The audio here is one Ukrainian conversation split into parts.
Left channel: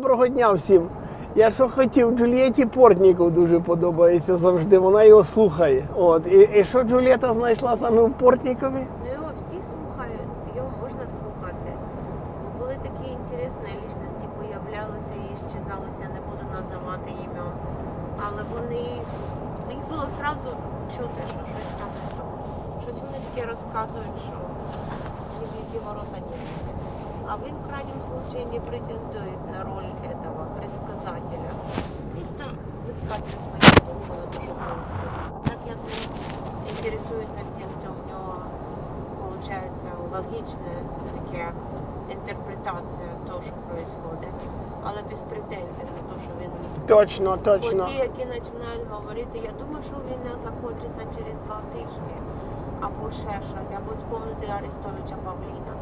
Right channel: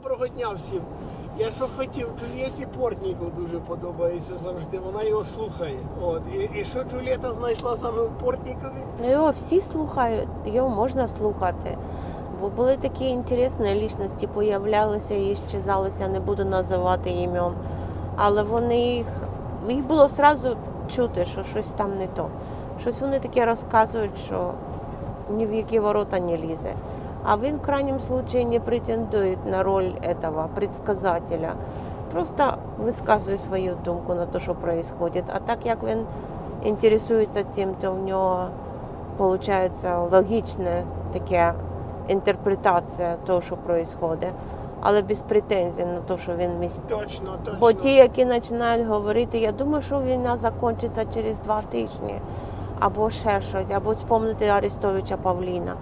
Доброго дня всім. Я що хотів, Джулієті Портніков дуже подобається завжди. Вона його слухає. От і, і що Джулієта знайшла саме в Портнікові? Ну, його всі слухають, його можна слухати. Бо були такі інтересні лічності, появлялися і щезалися, не буду називати імен. Але вони їх, їх було одразу чути, що щось там не то. Щось вони таке розказують, що ні в які ворота не лізе. А він в крайнем случае не претендує на роль этого предсказателя. Просто висказує свою думку на те, що происходит. А так як він інтересується цим, то в нього виходить логічна така інтерпретація того, що відбувається. Але без претензій на те, що він міський. Точно, Бо ті, які починають говорити, я думаю, що війна закінчиться через два тижні, або ще щось, або спомнити Арестовича Павліна.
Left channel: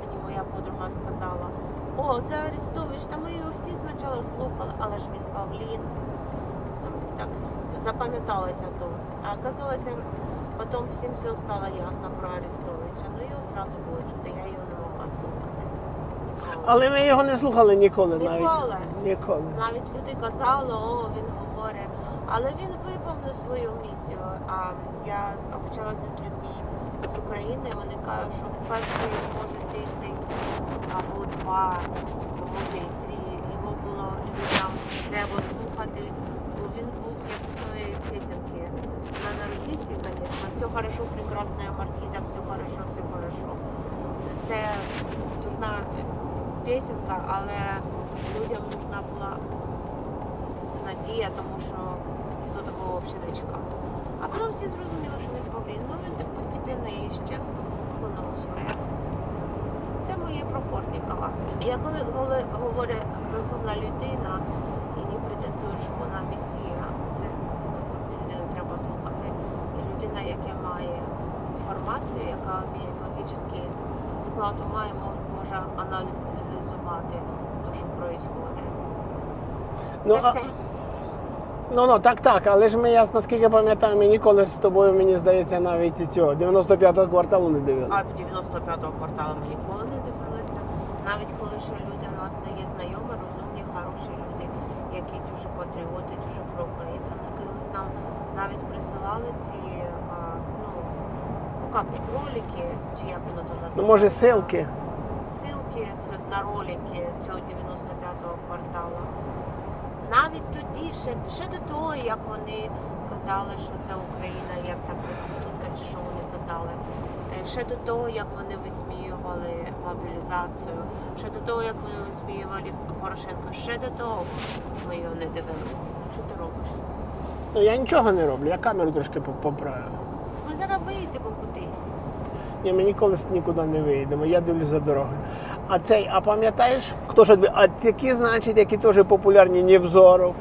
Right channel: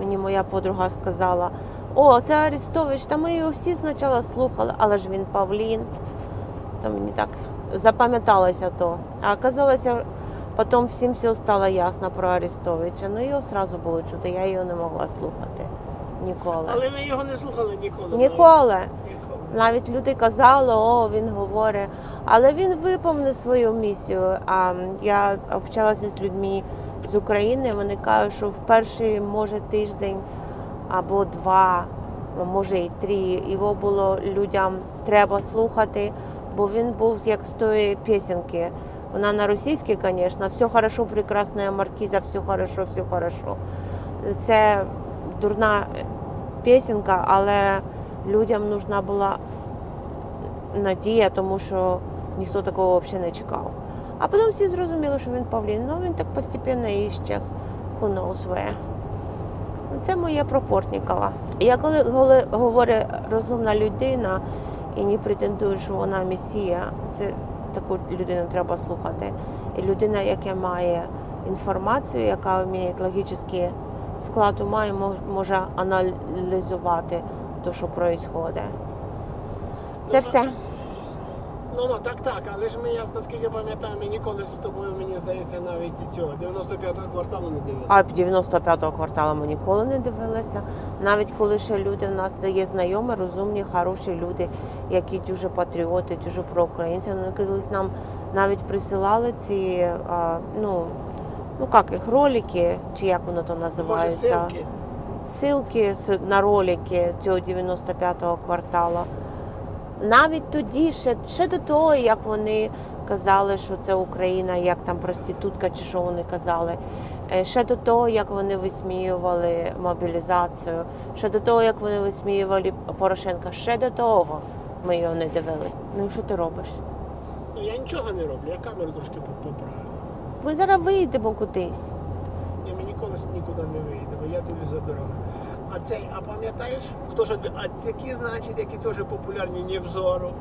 Мені моя подруга сказала: о, це Арестович, та ми його всі спочатку слухали, але ж він Павлін. То мені так запам'яталося то. А оказалося, потім всім все стало ясно про Арестовича. Ну його одразу було чути, я його не могла слухати ніколи. Але ми його не слухали ніколи. навіть. Ніколи. Ніколи. Навіть люди казали, о, він говорить. Але він виповнив свою місію. А я общалася з людьми з України. Вони кажуть, що в перший може тиждень або два, може і три. Його було людям треба слухати, бо він був як з тої пісеньки. Вона на російській, звісно, все хорошо, прекрасна маркіза, все хорошо, все хорошо. Це дурна пісенька, але людям нужна була надія, тому що ніхто такого взагалі не чекав. А потім всі зрозуміли, що він Павлін. Ну він так постепенно і щас knows. Це моє про Портнікова. Я коли голи- говорю розумна людина і не претендую, що вона месія, це таку людину треба слухати. І людина, яка має інформацію, яка вміє логічний склад ума і може аналізувати те, що відбувається. Ну, Це а- все. Ну ну так, так, але ж ми я наскільки пам'ятаю, ми ніколи з тобою, мені здається, навіть і цього 95-го кварталу не дивилися. А 95-го кварталу ми ніколи не дивилися. Навіть коли ще люди в нас є знайомі, розумні, хороші люди, які дуже патріоти, дуже проукраїнці. Вони колись нам навіть присилали ці, ну, ну як їх, ролики, чи як воно то Ну, називається? може, силки. Ссылки с- на ролики цього 95-го кварталу. Навіть тоді, ще, ще до того, як вони казали, що це Україна, як там проститутка, чи що вони казали. Е, Ще до того, як вони висміювали мобілізацію, ще до того, як вони висміювали Порошенка, ще до того ми його не дивилися. Ну що ти робиш? Ну я нічого не роблю, я камеру трошки по- поправив. Ми зараз вийдемо кудись. Ні, ми ніколи нікуди не виїдемо, я дивлюсь за дорогу. А цей, а пам'ятаєш, хто ж А такі, значить, які теж популярні Невзоров.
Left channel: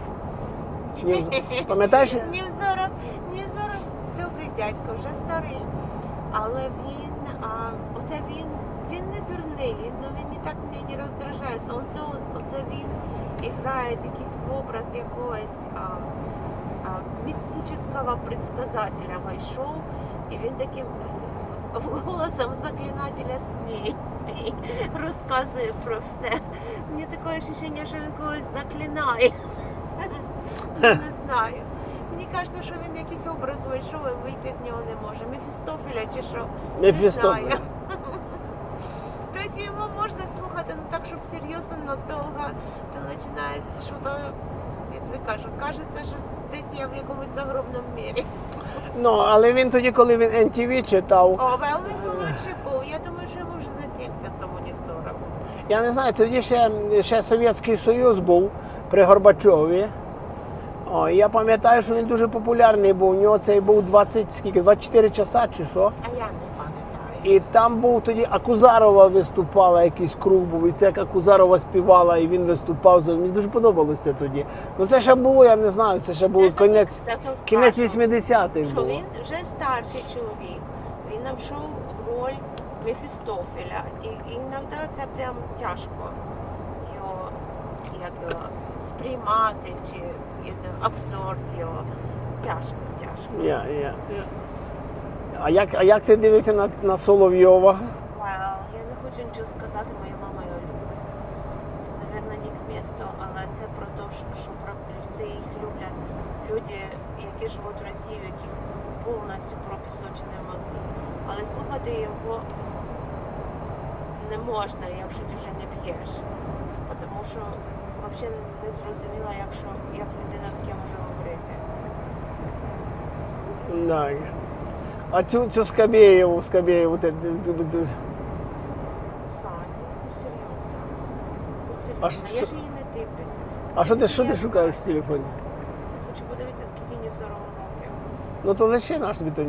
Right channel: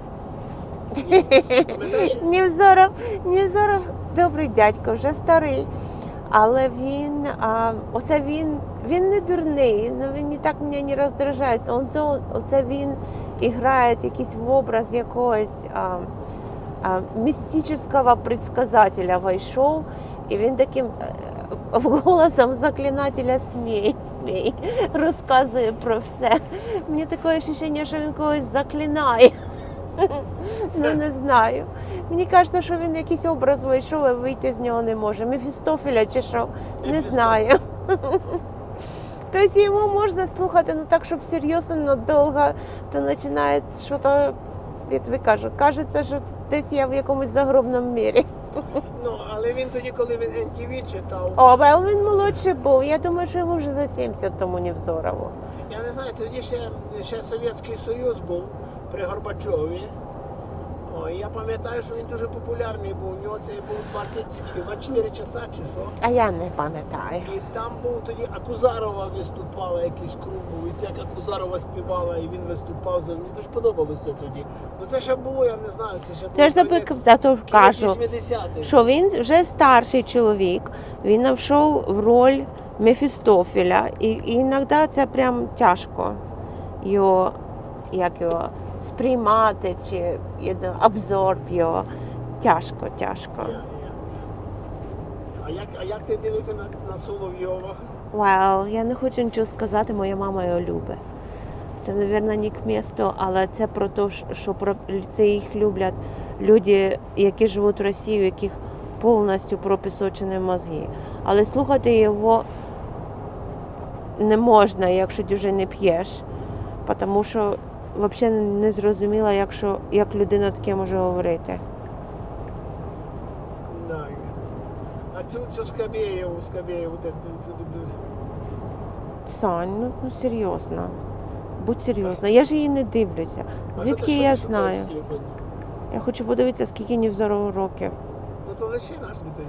Пам'ятаєш? Невзоров, Невзоров добрий дядько, вже старий. Але він, а, оце він, він не дурний, ну він не так мене не роздражає. Оце, оце він грає якийсь в образ якогось а, а, містичного предсказателя вийшов, і він таким голосом заклинателя смій, смій, розказує про все. Мені таке відчуття, що він когось заклинає. Ну не знаю. Мені кажеться, що він якийсь образ вийшов і вийти з нього не може. Мефістофеля чи що? Не знаю. Тобто його можна слухати, ну так, щоб серйозно, надовго, то починається щось, як ви кажете, кажеться, що десь я в якомусь загробному мірі. Ну, але він тоді, коли він NTV читав, О, але він молодший був. Я думаю, що йому вже за 70 тому не взорову. я не знаю, тоді ще, ще Совєтський Союз був при Горбачові. О, я пам'ятаю, що він дуже популярний був. У нього цей був 20, скільки, 24 часа чи що. А я не пам'ятаю. І там був тоді Акузарова виступала, якийсь круг був, і це як Акузарова співала, і він виступав. Мені дуже подобалося тоді. Ну це ще було, я не знаю, це ще було Це кінець, кінець 80-х. що він вже старший чоловік, він навшов в роль Мефістофеля, і, і іноді це прям тяжко його, як його сприймати чи обзор його. Тяжко, тяжко. Я, я, я. А, як, а як ти дивишся на, на Соловйова? Well, я не хочу нічого сказати, моя мама його любить. Це, мабуть, не к місту, але це про те, що про це їх люблять люди, які живуть в Росії, у яких повністю пропісочені мозги. Але слухати його не можна, якщо дуже не п'єш, тому що взагалі не зрозуміло, як, що, як людина таке може говорити. Да. А цю, цю Скабєєву, Скабєєву, Сань, ну, ну серйозно. Будь серйозно. Я ж її не дивлюся. а що ти, Звідки що я ти шукаєш знаю? в телефоні? Я хочу подивитися, скільки Нівзору років. Ну то лише наш тобі той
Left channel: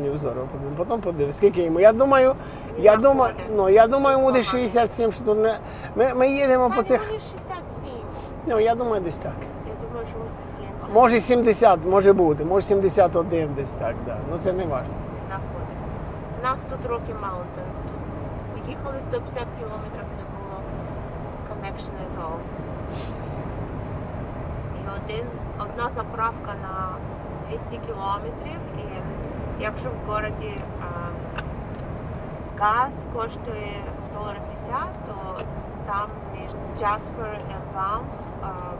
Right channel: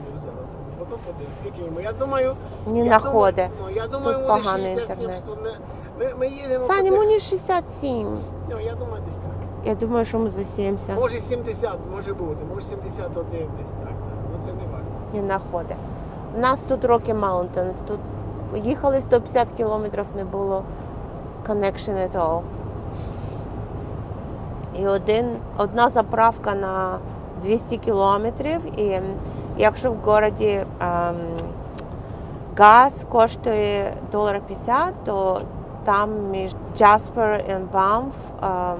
потім подивись, скільки йому. Я думаю, Не я думаю, находить. ну, я думаю, Тут буде поганий 67, інтернет. що не... Ми, ми їдемо по Саня, цих... мені 67. Ну, я думаю, десь так. Я думаю, що ми за 70 Може 70, може бути, може 71 десь так, да. Ну це не важливо. не знаходить. У нас тут Rocky Mountains. Тут їхали 150 кілометрів, не було connection at all. І один, одна заправка на 200 кілометрів. І якщо в городі ем, газ коштує долар 50, то там між Jasper і Banff ем,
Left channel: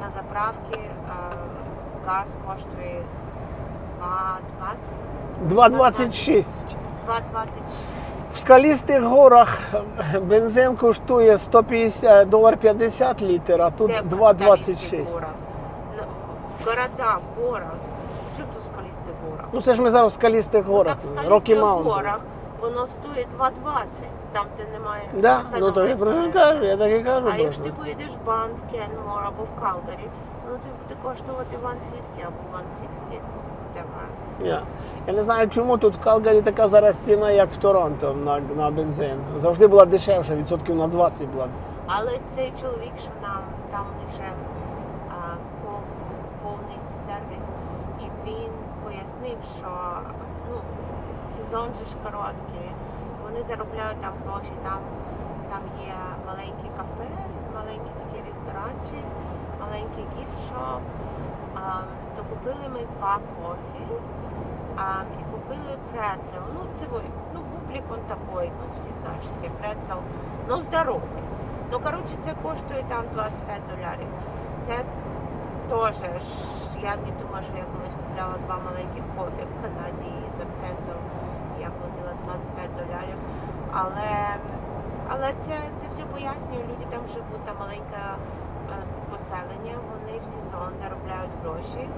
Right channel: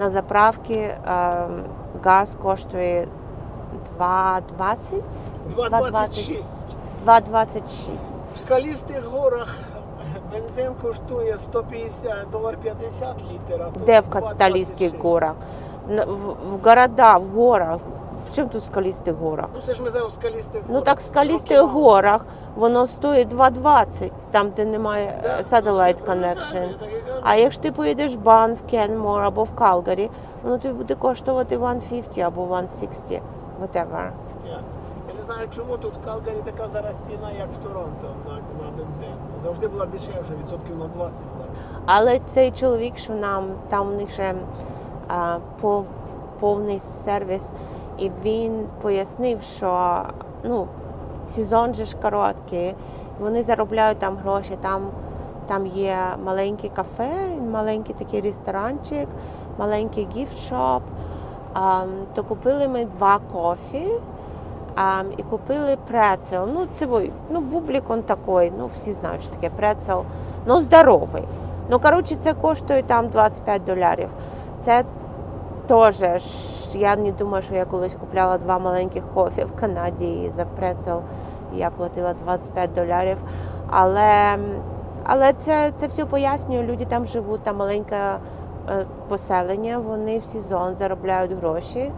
на заправці ем, газ коштує 2,20? 2,26. 2,26. В скалістих горах бензин коштує 150 долар 50 літр, а тут в Касталійських 2,26. горах? В, города, в горах. Чим тут в скалістих горах? Ну це ж ми зараз в скалістих Ну так в скалістих горах воно стоїть 2,20, там де немає Да? satellite ну, connection. так і кажу. А якщо ти поїдеш в Бан, в Кенмор або в Калгарі, воно тобі буде коштувати 1,50 або 1,60, whatever. Ні. Я не знаю, чому тут в Калгарі така зараз ціна, як в Торонто на, на бензин. Завжди була дешевша, відсотків на 20 була. Але цей чоловік, що нам там у них ще повний сервіс, і він пояснив, що ну, сезон же ж короткий, вони заробляють там гроші, там, там є маленьке кафе, маленький такий ресторанчик, маленький гіфт-шоп. То купили ми два кофі. А, і купили прецел. Ну, це ну, бублік он такий, ну всі знають, що таке прецел, ну здоровий. Ну, коротше, це коштує там 25 доларів. Це теж, ж, я не думаю, що я колись купляла два маленьких кофі в Канаді за прецел я платила 25 доларів. Але, але це, це все пояснює, люди там живуть, там маленьке е, поселення, вони в сезон заробляють гроші,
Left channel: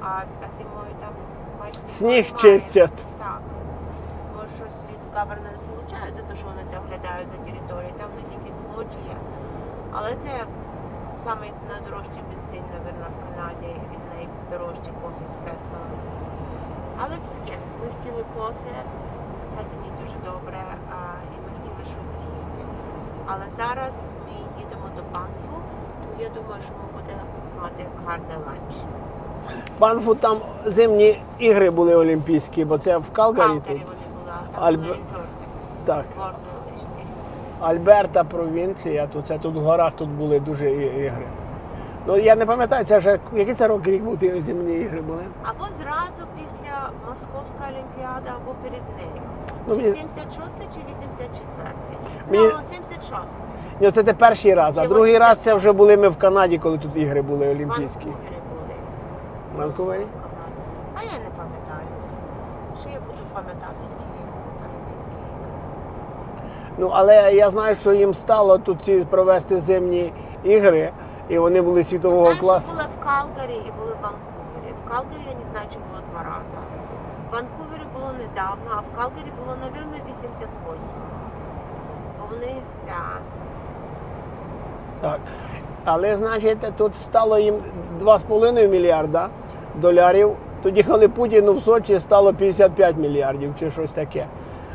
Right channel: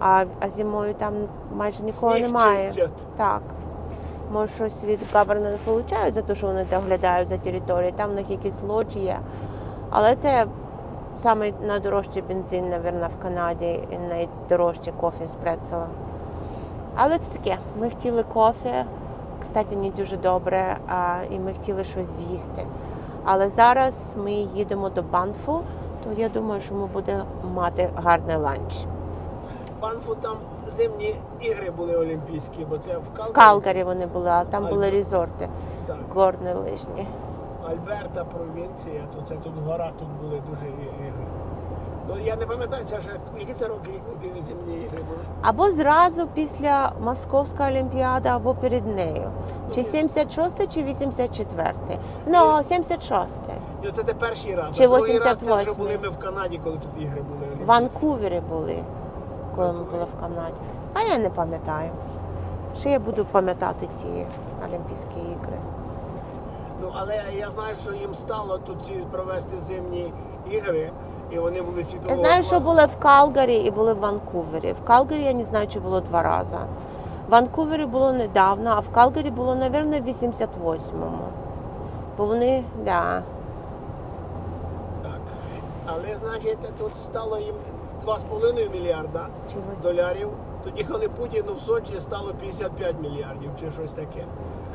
а, а зимою там майже нікого Сніг немає. чистять. Так. Може, щось від government получають за те, що вони доглядають за територією, там в них якісь лоджі є. Але це саме найдорожчий бензин, мабуть, в Канаді і найдорожче кофе з прецелем. Але це таке. Ми хотіли кофе, кстати, не дуже добре, а, і ми хотіли щось з'їсти. Але зараз ми їдемо до Банфу, то я думаю, що ми будемо мати гарний ланч. Банфу там зимні ігри були олімпійські, бо це в В Калгарі. Калгарі вони були, а там були резорти, Так. горні лижні. Альберта провінція, тут це тут в горах тут були дуже ігри. Ну я не пам'ятаю, це вже який це рок рік був ті зимні ігри були. Або зразу після Московської олімпіади, або перед нею. Ну, Чи мені- 76 чи 84? Мені- Ну, 76. Ні, це те перший раз, Чи а другий раз це вже були ми в Канаді, коли тут ігри були В. Ванкувері були, коли ми були в Канаді. А я не пам'ятаю. Що я буду пам'ятати ті Олімпійські ігри? Ну але я знаю, що їм стало тут ці провести зимні ігри, і вони були Я світового знаю, класу. що були в Калгарі і були в Ванкувері. В Калгарі я не знаю, чи було два рази. В Ванкувері було недавно, а в Калгарі було, мабуть, в 88-му. Бо вони, да. Так. Але значить, тут стало їм 2,5 мільярда доларів. Тоді, коли Путіну в Сочі стало 55 мільярдів чи щось таке.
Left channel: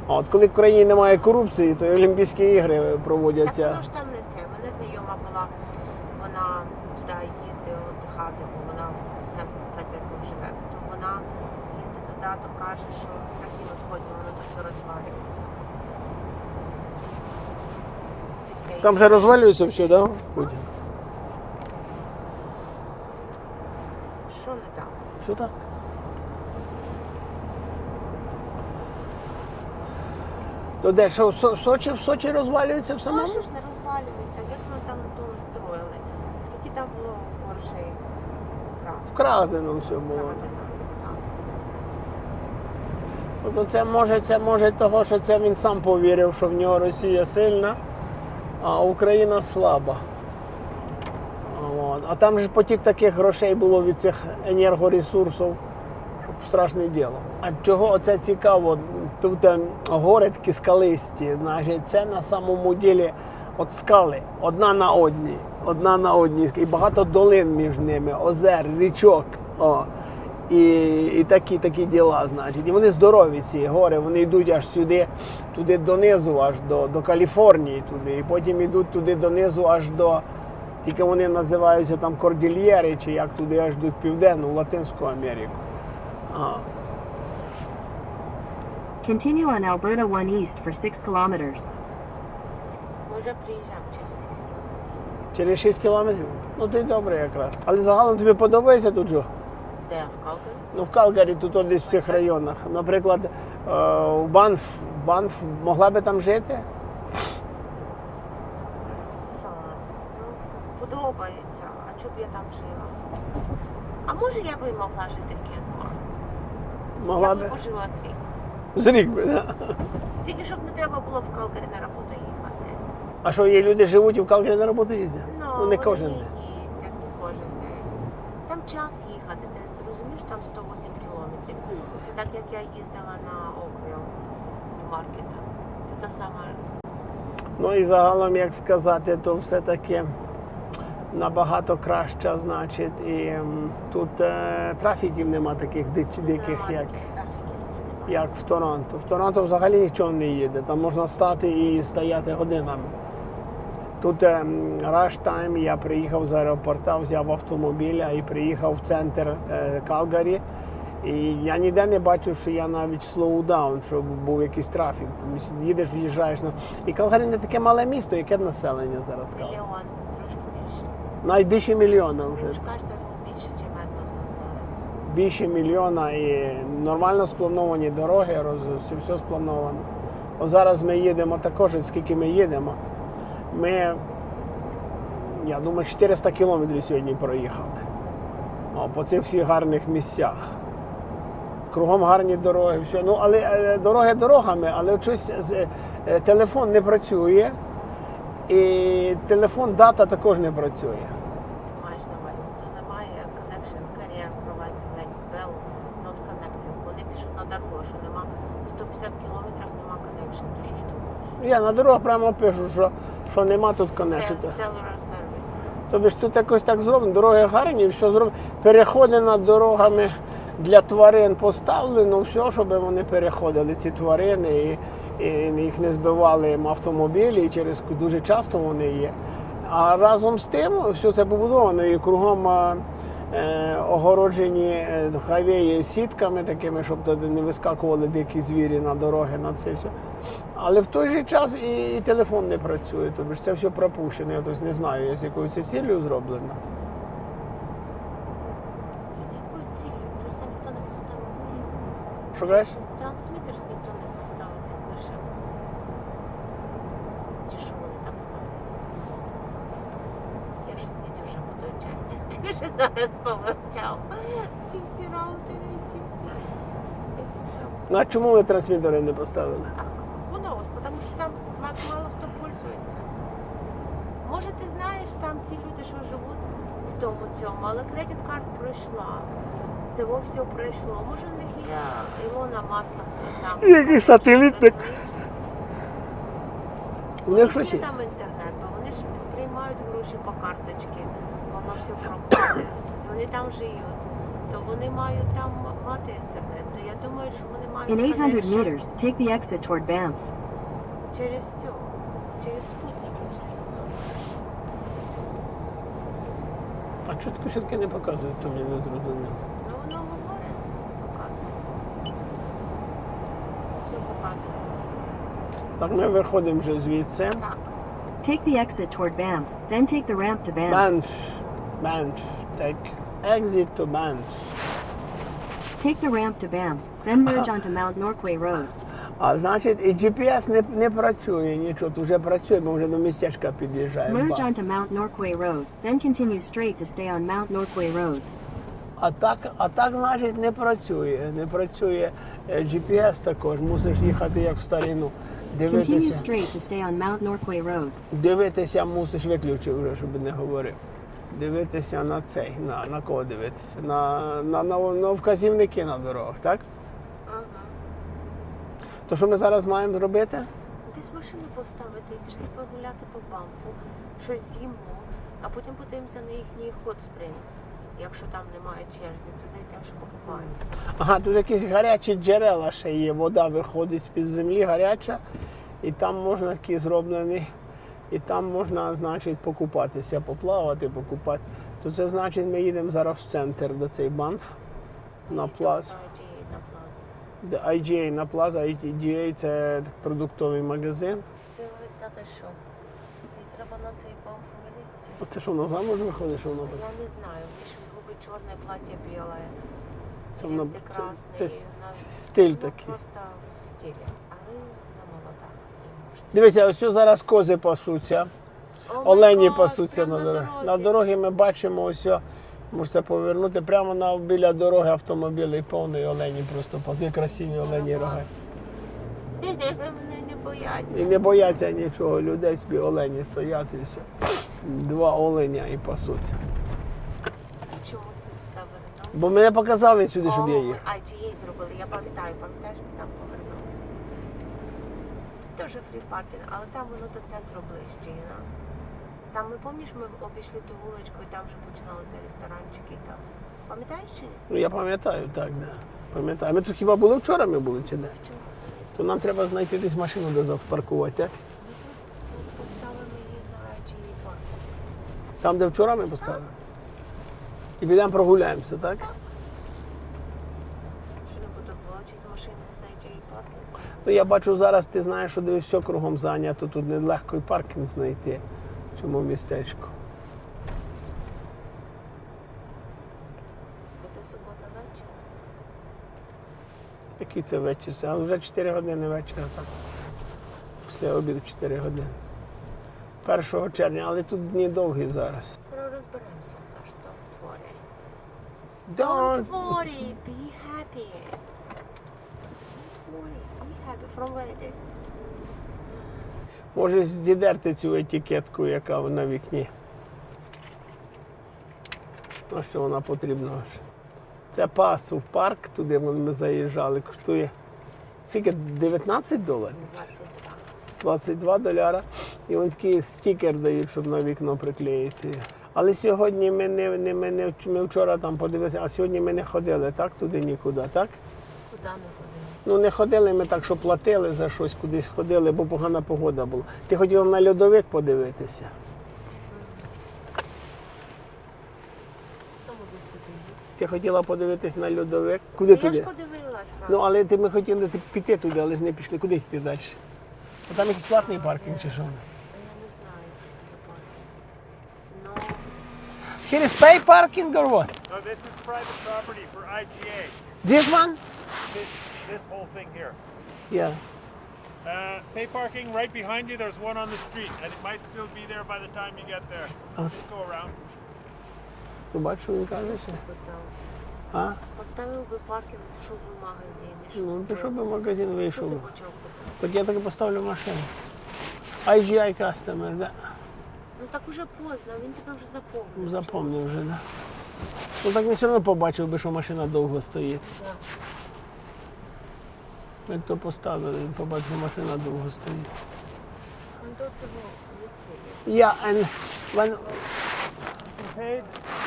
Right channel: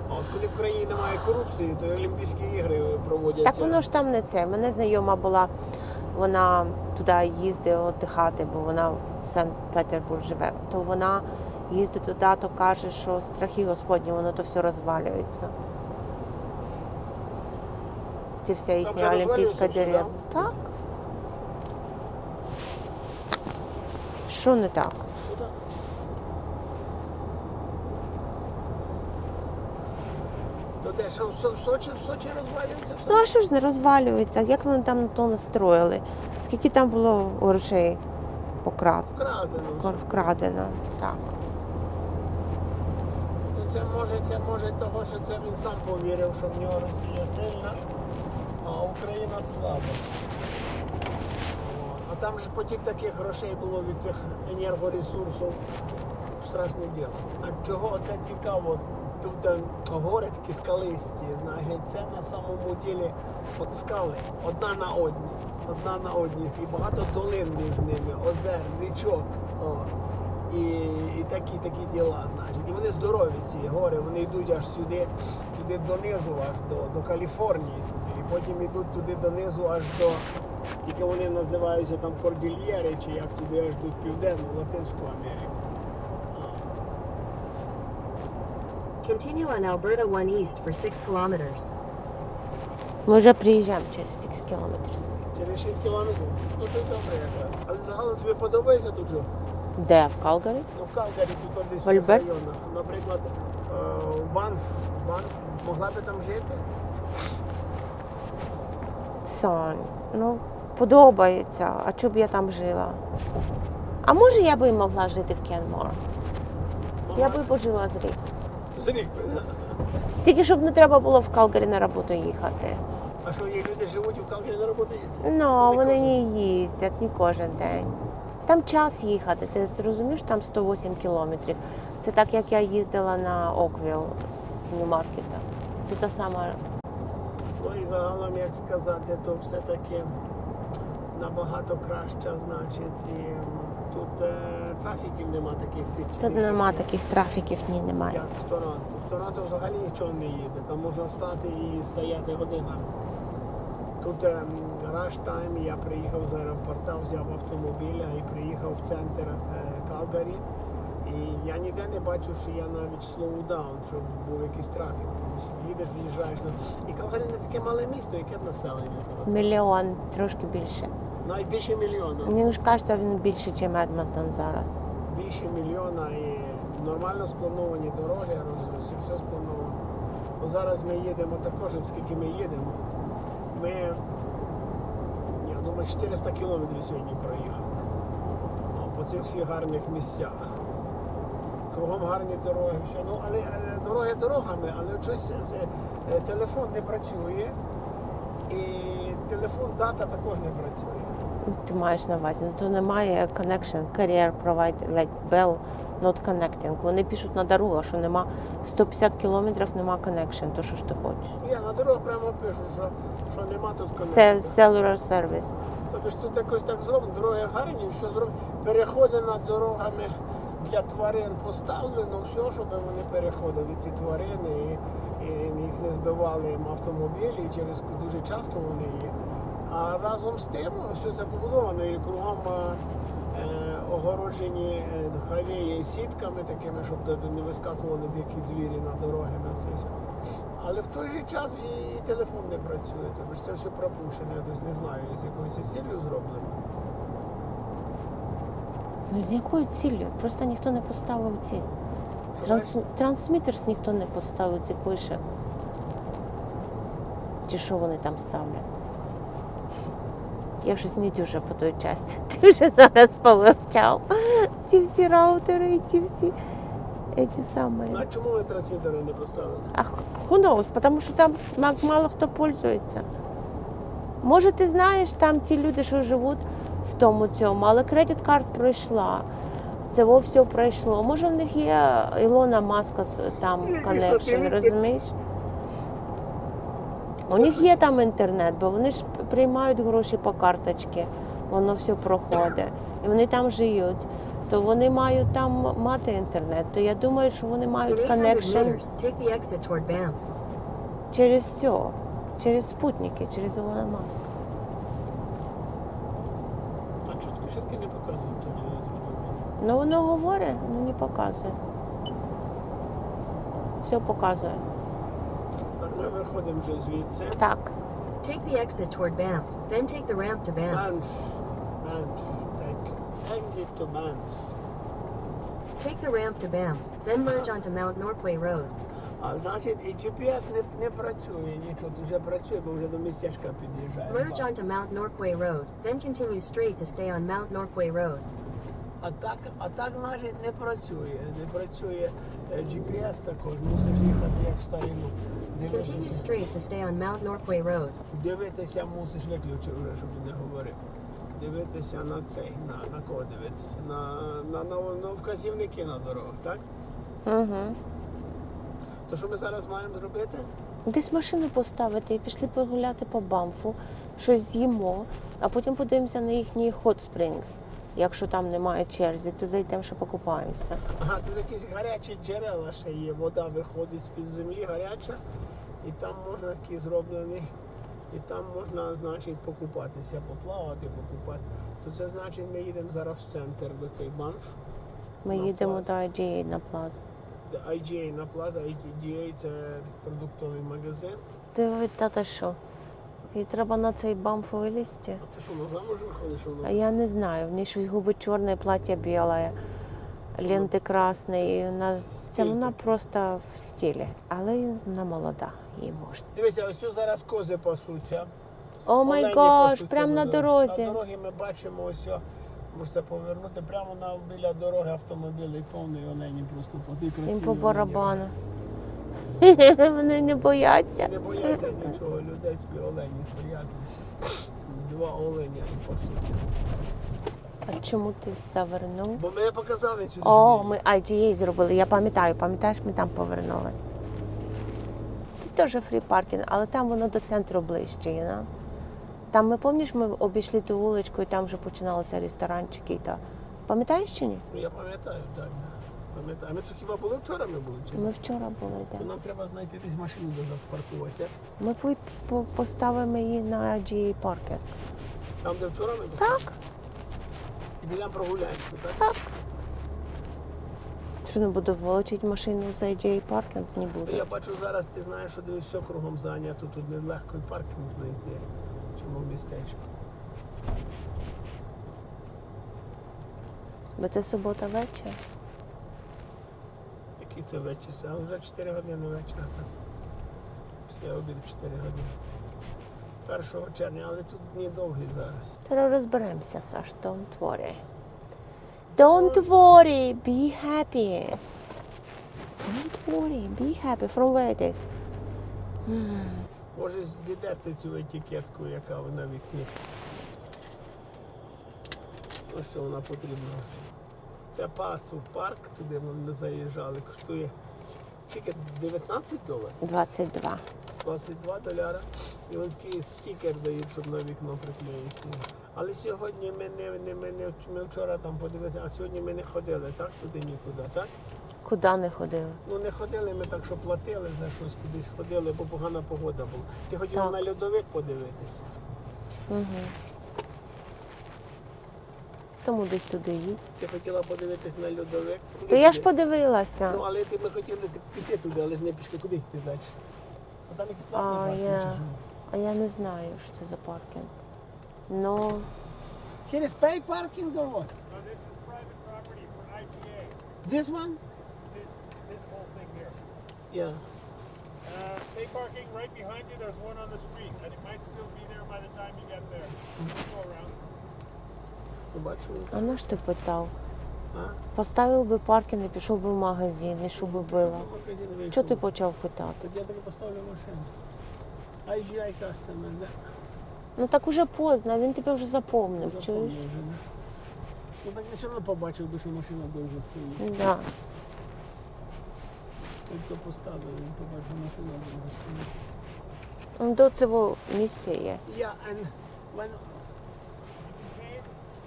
А от коли в країні немає корупції, то і Олімпійські ігри Так воно ж там не це. Мене знайома була, вона туди їздить віддихати, бо вона в Санкт-Петербург живе. То вона їздить туди, то каже, що страхи Господні, воно то все розвалюється. Ці все Там їхні же розвалюється все, да? Так. Що не так? Що так? То де, що в Сочі, в Сочі розвалюється все? Ну а що ж не розвалюється? Як вони там то настроїли? Скільки там було грошей покрад... Вкрадено вкрадено? Так. Тобто це може, це може того, що це він сам повірив, що в нього Росія сильна, а Україна слаба. От. А там же потік таких грошей було від цих енергоресурсів, страшне діло. А чого оце цікаво? Тут е, гори такі скалисті, значить, це на самому ділі от скали, одна на одній, одна на одній, і багато долин між ними, озер, річок. О. І, і такі такі діла, значить. І вони здорові, ці гори, вони йдуть аж сюди, туди донизу, аж до, до Каліфорнії, туди. І потім йдуть туди донизу аж до. Тільки вони називаються там Кордильєри, чи як туди аж до південну, Латинську Америку. А. Continue on Alberta 1 East for 6 kilometers. Ми вже приїжджаємо через 6 кілометрів. Через 6 кілометрів? Ну ти добре якраз. Але загалом тобі подобається тут же? Де? В Калгарі? Ну в Калгарі тут десь в цих районах. Наприклад, е, в Банф, Банф могла би там жити? Сон. Ну, подобається. А чого б я там жила? А може я би могла жити в Кенмор? Могла я би би. пожила з рік. З рік би, да? Тільки щоб не треба було в Калгарі на роботу їхати. А що є люди живуть і в Калгарі на роботу їздять? Ну, вони кожен. не їздять не кожен день. Там час їхати, ти зрозумієш, там 108 кілометрів. Це так, як я їздила на Оквіл з Нью-Маркета. Це та сама. Ну і загалом, як сказати, то все-таки набагато краще, значить, і м, тут е, трафіків нема таких дич, Тут диких, нема як, таких трафіків, ні, немає. як в Торонто. В Торонто взагалі нічого не їде. Там можна стати і стояти годинами. Тут е, rush time, я приїхав з аеропорта, взяв автомобіля і приїхав в центр е, Калгарі. І я ніде не бачив, що я навіть слоудаун, що був якийсь трафік. Їдеш, в'їжджаєш. І Калгарі не таке мале місто, яке населення зараз. Мільйон, трошки більше. Навіть більше мільйона. вже. Мені ж кажеться, він більше, ніж Едмонтон зараз. Більше мільйона і нормально сплановані дороги, роз- все, сплановано. От зараз ми їдемо також, скільки ми їдемо. Ми, я думаю, 400 кілометрів сьогодні проїхали. О, по цих всіх гарних місцях. Кругом гарні дороги, все. Ну, але е, дороги дорогами, але щось е, телефон не працює. І телефон дата також не працює. Ти маєш на увазі, ну то немає connection, carrier provider, like Bell, not connecting. Вони пишуть на дорогах, що нема 150 кілометрів, нема connection, то що ж ти хочеш? Я на дорогах прямо пишу, що, що нема тут Це конекту. cellular service. Тобто ж тут якось так зроблено, дороги гарні, все зроблено. Переходи над дорогами для тварин поставлено, все, щоб вони переходили, ці тварини, і, і їх не збивали автомобілі, і через дуже часто вони є. А разом з тим все це побудовано і кругом е, е, огороджені е, хайвеї сітками такими, щоб не вискакували дикі звірі на дороги на це все. Але в той же час і, і телефон не працює, тобто це все пропущено. Я тобто не знаю, з якою це цілею зроблено. Ну з якою ціллю? Просто ніхто не поставив цих. Що Транс... кажеш? Трансмітерс ніхто не поставив цих вишек. Чи що вони там ставлять? Я щось не дуже по той часті. Ти вже зараз повивчав. Ті всі раутери і ті всі. Ті самі. Ну а чому ви трансмітери не поставили? А who knows, потому що там мало хто пользується. Може, ти знаєш, там ті люди, що живуть в тому цьому, але кредит карт пройшла. Це во все пройшло. Може, в них є Ілона Маска там. Який connection, сателіт, У них є там інтернет, бо вони ж приймають гроші по карточці, воно все проходить. І вони там живуть. То вони мають там мати інтернет. То я думаю, що вони мають In 800 connection meters, take the exit toward Banff. через цього, через спутники, через Ілона Маска. А чутко все-таки не показують, то мені не зрозуміло. Ну воно говорить, ну не показує. Все показує. Так, ми виходимо вже звідси. Так. Take the exit toward Banff, then take the ramp to Banff. Banff. Banff. Take exit to Banff. Take the ramp to Banff, then merge onto Mount Norquay Road. А значить, і GPS не, не працює нічого. Тут вже працює, ми вже до містечка під'їжджаємо. Merge onto Mount Norquay Road, then continue straight to stay on Mount Norquay Road. А так, а так, значить, не працює. Не працює е, GPS також. Мусиш їхати як в старину. Continue Дивитися. straight to stay on Mount Norquay Road. Дивитися мусиш виключив вже, щоб не говорив. Дивитися на цей, на, на кого дивитися? На, на, на, на вказівники на дорогах, так? Угу. То що ми зараз маємо зробити? Десь машину поставити і пішли погуляти по Банфу, щось з'їмо, а потім подивимося на їхній Hot Springs. Якщо там немає черзі, то зайдемо, ще покупаємося. Ага, тут якісь гарячі джерела ще є. Вода виходить з-під землі гаряча, і там можна такі зроблені, і там можна, значить, покупатися, поплавати, покупати. То це значить, ми їдемо зараз в центр до цей банф. Ми На їдемо плазу. до IGA на плазу. IGA на плаза, IGA це продуктовий магазин. Диви, тата що? І треба на цей бамф вилізти. Оце що вона замуж виходить, що А вона? я не знаю, в ній щось губи чорне, плаття біле, Це ленти вона- це- це і вона, стиль це вона такий. просто в стилі. Але вона молода, їй можна. Дивися, ось тут зараз кози пасуться. О май Олені пасуться прямо на дорозі. дорозі. На дорогі ми бачимо ось. Можете повернути прямо на біля дороги автомобілі і повний олені просто. Їм красиві по олені. барабану. Вони не І бояться. не бояться нічого, людей собі олені стоять і все. Два оленя і пасуться. А чому ти завернув? Бо мене показав він сюди, щоб О, я ми. IGA зробили. Я пам'ятаю, пам'ятаєш, ми там повернули. Тут теж фрі паркінг, але там воно до центру ближче, you know? Там ми пам'ятаєш, ми обійшли ту вуличку і там вже починалися ресторанчики і так. Пам'ятаєш чи ні? Ну я пам'ятаю, так, да. Пам'ятаю. Ми тут хіба були вчора ми були чи Ми не? вчора були. То так. нам треба знайти десь машину, де запаркувати, так? Ми по- по- поставимо її на IGA паркінг. Там, де вчора ми поставили? Так, І підемо прогуляємося, так? так. Що не буду вилучити машину з IGA паркінг? Не Ну, буду. я бачу зараз, ти знаєш, що дивись, все кругом зайнято, тут нелегко і паркінг знайти в цьому містечку. Бо це субота вечір. Який це вечір? Але вже 4 години вечора. Так. Після обіду 4 години. 1 червня, але тут дні довгі зараз. Зараз розберемося, Саш, don't worry. Don't worry, be happy. Don't worry, be happy. From where it is? Може здідерти цю етикетку, яка на вікні. На що вона потрібна? Це пас в парк, туди ми заїжджали, коштує скільки? 19 доларів? 22. 22 доляра. І він такий стікер дають, щоб на вікно приклеїти. Але сьогодні ми не, не, ми, не ми вчора там подивилися, а сьогодні ми не ходили, так? Туди нікуди, так? Куди не ходили? Ну не ходили ми так, що платили за щось, кудись ходили, бо погана погода була. Ти хотів на льодовик подивитися. Угу. Тому десь туди їдь. Ти хотіла подивитись на льодовик. Куди я туди? ж подивилася. Ну, але ти ми хотіли ти- піти туди, але ж не пішли. Куди йти далі? А там якийсь платний паркінг я- чи що? А я не знаю, що це за паркінг. Ну, Here is pay parking or what? No, this is private property for IGA. This one? This, this whole thing here. Yeah. Uh, pay parking right behind you. There's one on the street, and it might still be there by the time you get there. Just go around. Ну, ну ж ти питав. А? Поставив би паркінг і пішов би в магазин, і що Ну, би пішов би в було. магазин Що вийшов. ти би. почав питати? Так я так і поставлю машину. IGI customer, да? Ну так уже поздно, він тебе вже Ну, запомнив. запомнив вже, да. Ну так він все одно побачив би, що машина довго стоїть. Да. Ми то поставили, він побачив, що машина довго стоїть. Ну, До цього місця є. Yeah, and when, You can pay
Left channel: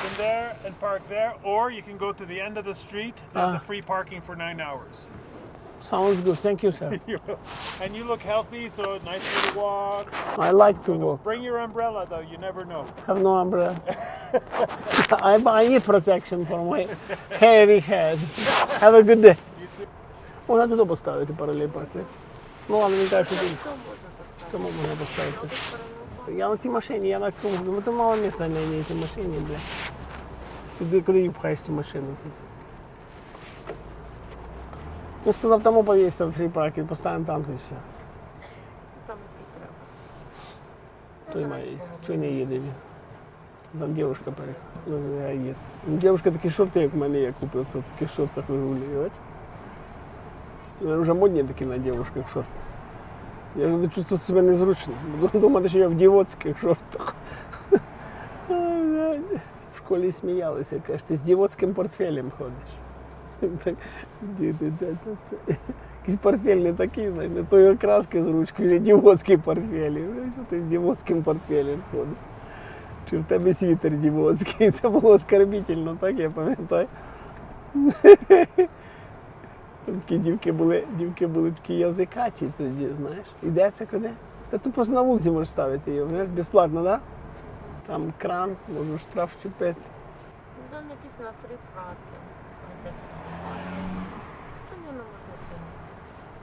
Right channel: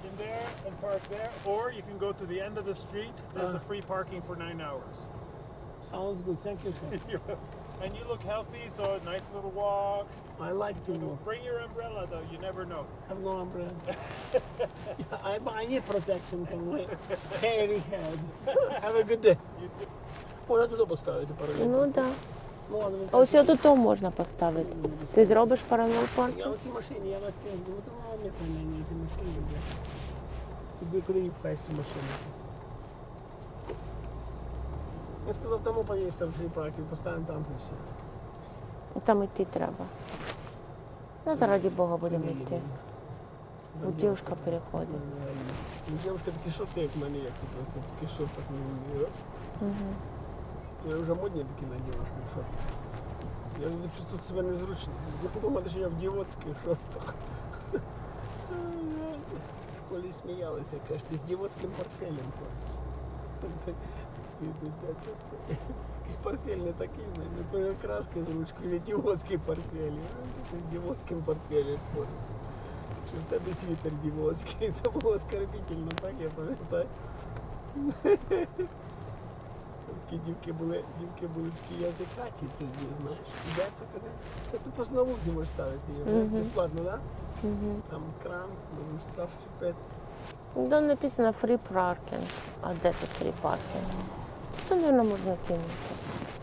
in there and park there, or you can go to the end of the street. There's Ah. a free parking for nine hours. sounds good, thank you, sir. and you look healthy, so nice little walk. I like to walk. Bring your umbrella, though. You never know. Have no umbrella. I, I need protection for my hairy head. Have a good day. Можна туди поставити паралель. Ну так. Ну, але він Да. Ось до того можна поставити. можна Ти поставити. зробиш паралел паркінг? Я на цій машині, я на цьому, ну то мало місця на ній цій машині, бля. Туди, куди її пхаєш цю машину? Я сказав, там під'їзд фрі паркінг, поставимо там і все. Ну, Там йти треба. Ну, То раді Бога то буде. не їдемо. Там дівчинка дівчинка переходить. Ну, я їду. Дівчинка такі шорти, як в мене є, купив, то в таких шортах вигулює. От. Вони Вже модні такі на дівчинках шорти. Я вже чувствую себе незручно. Буду думати, що я в дівоцьких шортах. В школі сміялися, кажуть, ти з дівоцьким портфелем ходиш. Якийсь портфель не такий, знаєш, не тої окраски з ручкою, а дівоцький портфель. Що ти з дівоцьким портфелем ходиш. Чи в тебе світер дівоцький. Це було оскорбительно, так я пам'ятаю. Такі дівки були, дівки були такі язикаті тоді, знаєш. Іде це куди? Та ти просто на вулиці можеш ставити її, Мгм. безплатно, так? Мгм. Там кран, можеш штраф чіпити. Там написано free parking. А де тут free parking? Тут, мабуть, можна кинути.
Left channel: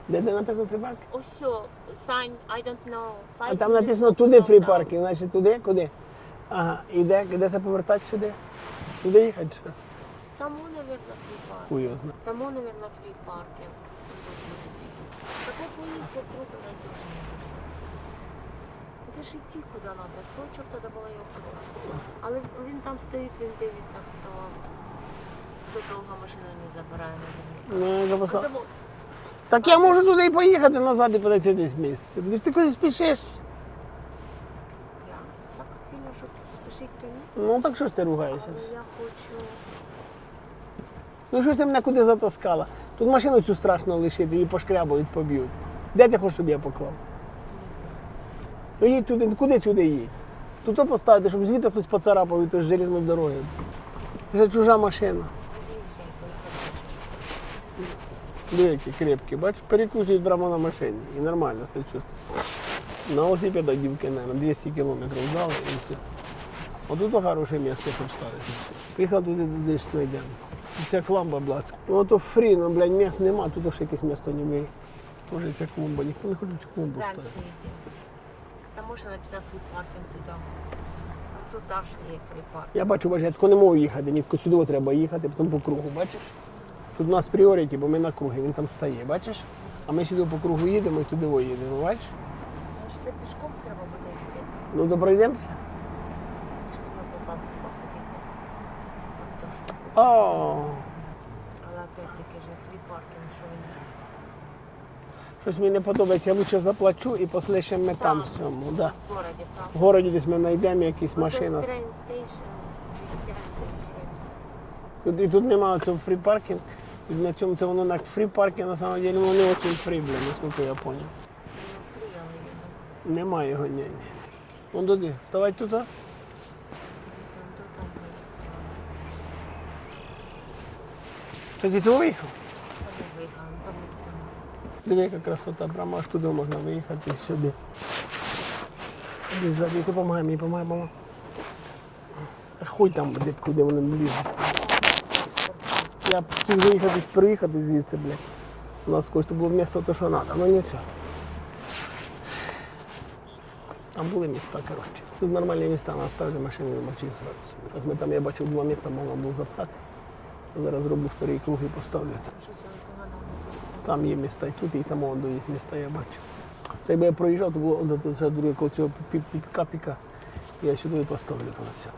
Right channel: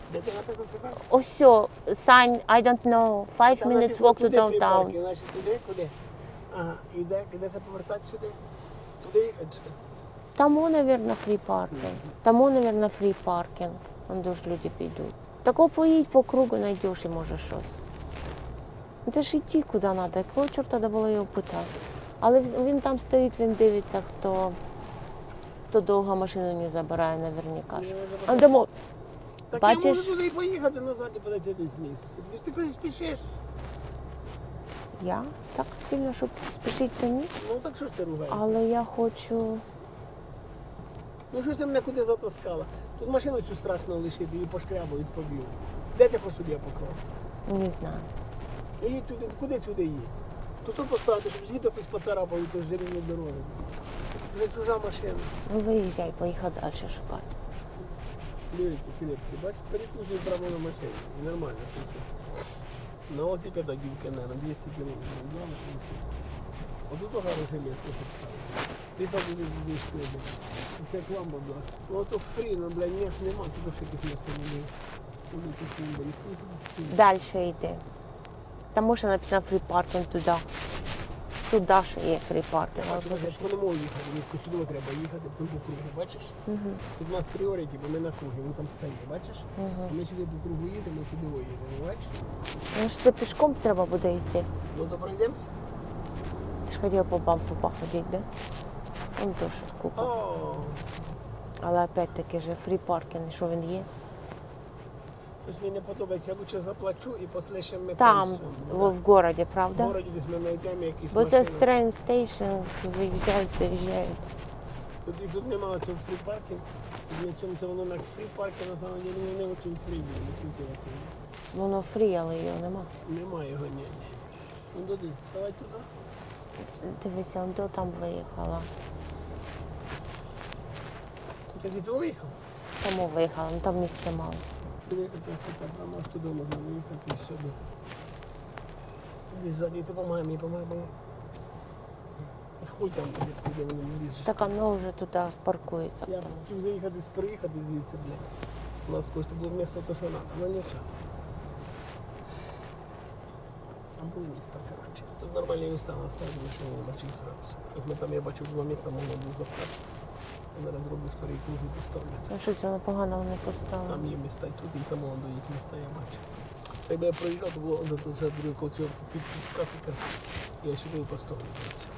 Де де написано фрі паркінг? Ось все, sign, I don't know, А five там minutes написано walk to туди фрі паркінг, значить туди, куди? Ага, і де, де це повертати сюди? Туди їхати? Тому, мабуть, parking. Тому, мабуть, parking. Вон дуже люди підуть. Тако поїдь по кругу, знайдеш і може щось. Ну, Ти ж йти куди треба, якого чорта було його питати. Але він- там стоїть, він дивиться, хто, хто довго машину не забирає наверняка. Ну, думаю, Так я можу туди поїхати назад і подати десь місце. Ти ти кудись спішиш? я так сильно, щоб спішити, то ні. Ну так що ж ти ругаєшся? Але я хочу. Ну що ж ти мене куди затаскала? Тут машину цю страшно лишити, її пошкрябають, поб'ють. Де ти хочеш, щоб я поклав? Не знаю. Ну їдь туди, куди сюди їдь? Тут то поставити, щоб звідти хтось поцарапав і то ж железною дорогою. Це чужа машина. Ну виїжджай, поїхав далі шукати. Диви, крепкі, бачиш, перекусують прямо на машині. І нормально стачу. На велосипеда дівки, наверное, 200 кілометрів взяли і все. Отут хороше місце, щоб ставити. Приїхав туди, туди. Ця кламба блядська. Ну то фрі, ну, блядь, місць нема, тут ще якесь місто не є. Може ця клумба, ніхто не хоче цю клумбу. Далі йти. Там можна написано parking туди. Туди ж є parking. Я бачу, бачу, я тако не можу їхати, тако сюди треба їхати, потім по кругу, бачиш? Тут у нас пріоріті, бо ми на кругі, він там стає, бачиш? А ми сюди по кругу їдемо і туди о їдемо, бачиш? Ну що це пішком треба буде йти. Ну, допройдемося. Ти ж хотів по бамфу походити, да? Он теж купив. О, Але опять-таки же parking, що він є? щось мені не подобається, я лучше заплачу і послишемо ми там, Там, в цьому. ну, Да. в городі, правда? В городі десь ми знайдемо якісь Бо це машини. з train station, виїжджають, заїжджають. Тут, і тут немає цього фрі паркінг. І на цьому це воно на фрі паркінг, на самом деле, воно не очень фрі, бля, наскільки я понял. Воно фрі, але його нема. Немає його ні. ні. Вон туди, вставай тут. а? Дивися, он до там виїхала. Ти звідси виїхав? Тому виїхала, ну там місця мало. Диви, яка красота, прямо аж туди можна виїхати і сюди. Іди ззаді, ти помагай мені, помагай, помагай. Хуй там буде, куди вони блін. Так а много тут паркується. Я б хотів виїхати, приїхати звідси, блядь. У нас когось було місто, то що треба, ну нічого. Там були міста, коротше. Тут нормальні міста, на ставлю машину не бачив. Ми там, я бачив, два міста можна було запхати. Зараз зроблю вторий круг і поставлю. Ну щось воно погано не поставили. Там є міста і тут, і там воно є міста, я бачу. Це якби я проїжджав, то було це друге коло цього піка-піка. Я сюди поставлю.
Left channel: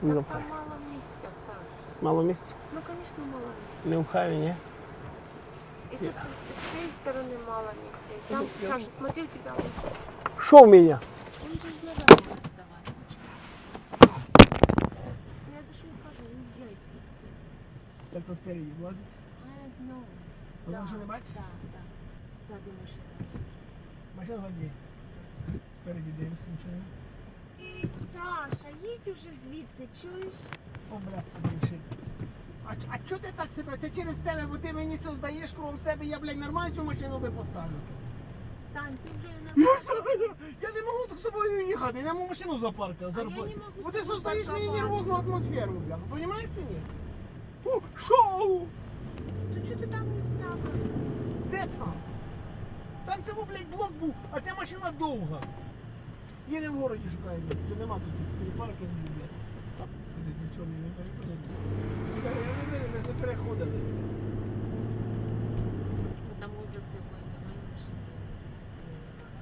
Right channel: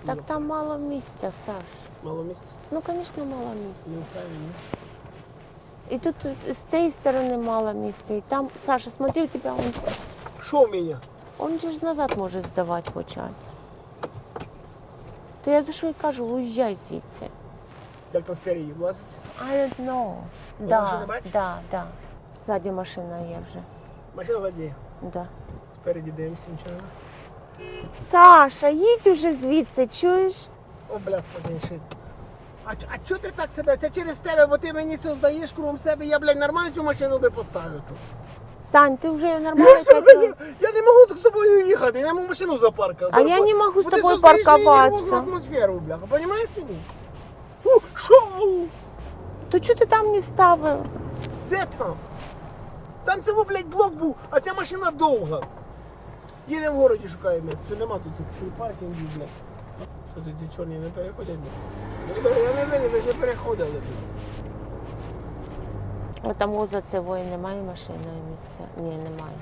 Так там мало місця, Саш. Мало місця? Ну, звісно, мало місця. Не в Хайві, ні? І тут з тієї сторони мало місця. І там, Саша, смотри, у тебе он, Що в мене? он же ж назад може здавати в очах. То я за що й кажу, уїжджай звідси. Як там спереді влазиться? I don't know. Ще Да, не бачиш? да, да. Ззаді машина є вже. Машина задіє. Да. Спереді дивимося, нічого. нема. Саша, їдь уже звідси, чуєш? О, бля, подивиши. А, ч- а чого ти так себе? Це через тебе, бо ти мені це здаєш кругом себе, я, блядь, нормально цю машину би поставив тут. Сань, ти вже нормально. Я, що, блядь, я не можу так з тобою їхати, я можу машину запаркати. А я не можу з тобою нервову атмосферу, бляха, понімаєш чи ні? У, Що? То чого ти там не ставив? Де там? Там це, блядь, блок був, а ця машина довга. Їдемо в городі, шукаємо місце. Тут нема тут цих паркінгів, блядь. Що це ті чорні не переходять? Я не переходили. О, там за цивою немає машини місця? Ні, немає.